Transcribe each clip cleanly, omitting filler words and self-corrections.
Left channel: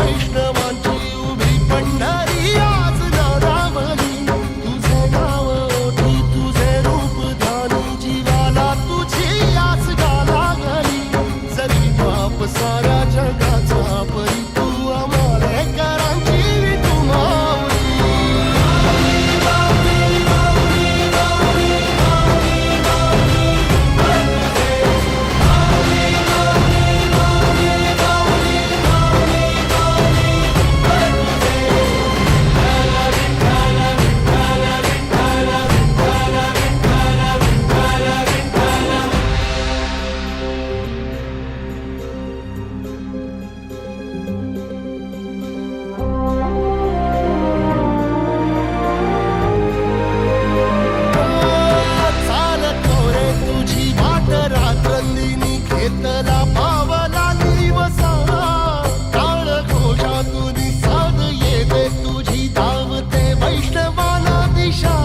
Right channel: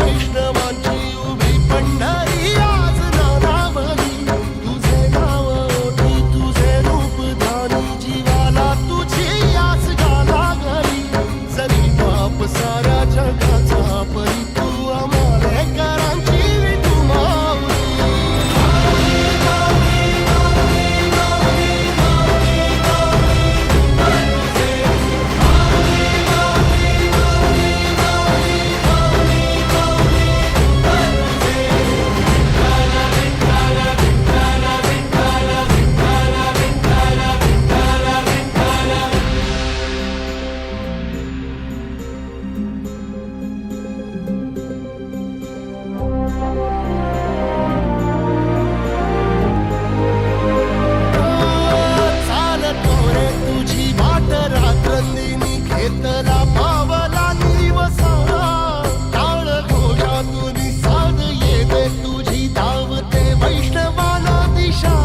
वैष्णवांची उभी पंढरी आज नादावली. तुझे नाव ओठी तुझे रूप ध्यानी जीवाला तुझी आस गा लागली. जरी बाप साऱ्या जगाचा परी तू आमालेकरांची विठू माऊली. तुझी वाट रात्रंदिनी घेतला पावला दिवसा. टाळ घोषातून साध येते तुझी धावते वैष्णवाला दिशा.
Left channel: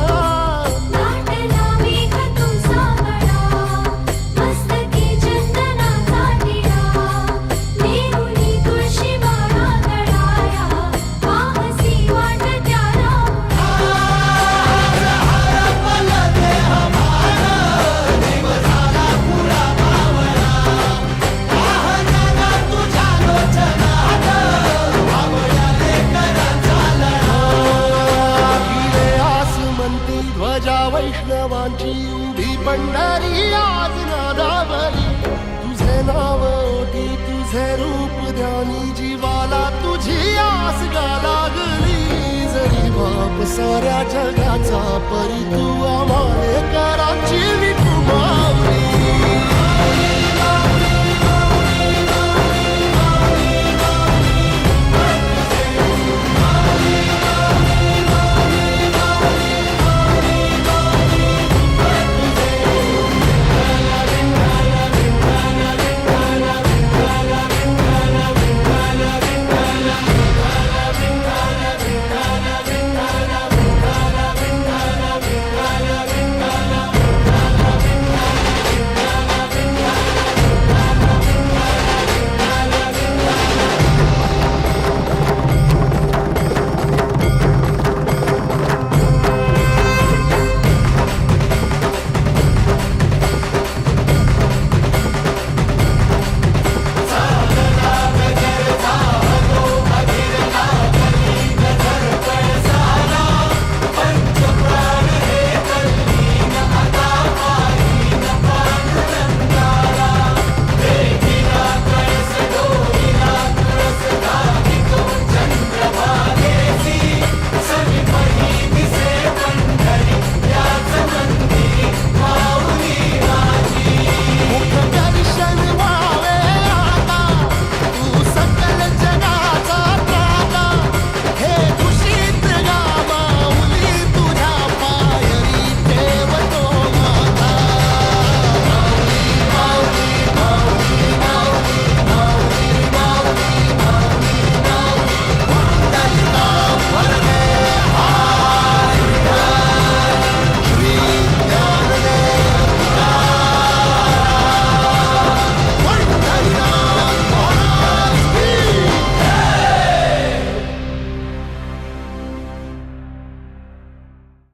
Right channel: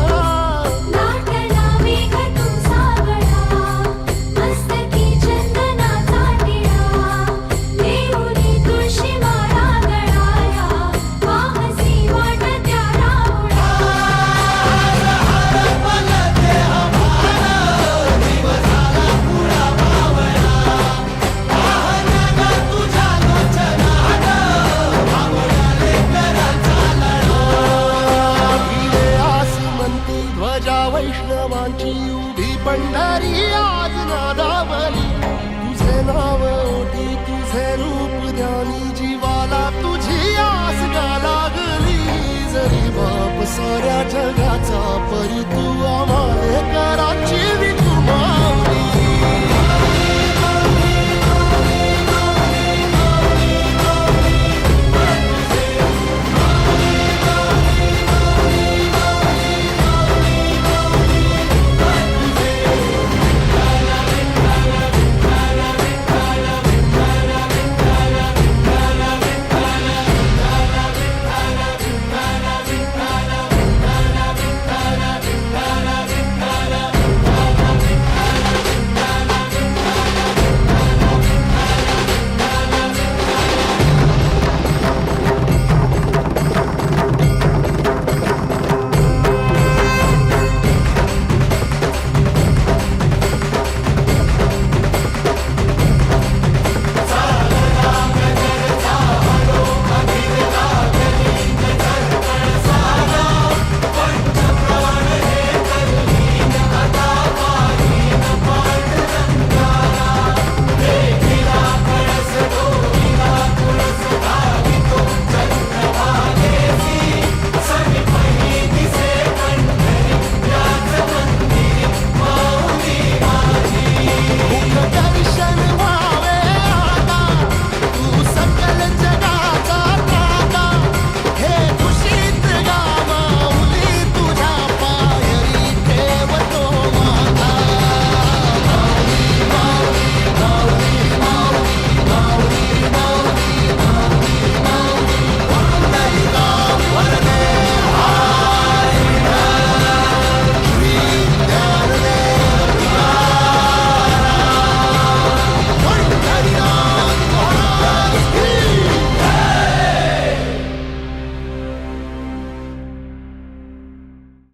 ध्वजा वैष्णवांची उभी पंढरी आज नादावली. तुझे नाव ओठी तुझे रूप ध्यानी जीवाला तुझी आस गा लागली. जरी बाप साऱ्या जगाचा परी तू आमालेकरांची विठू माऊली.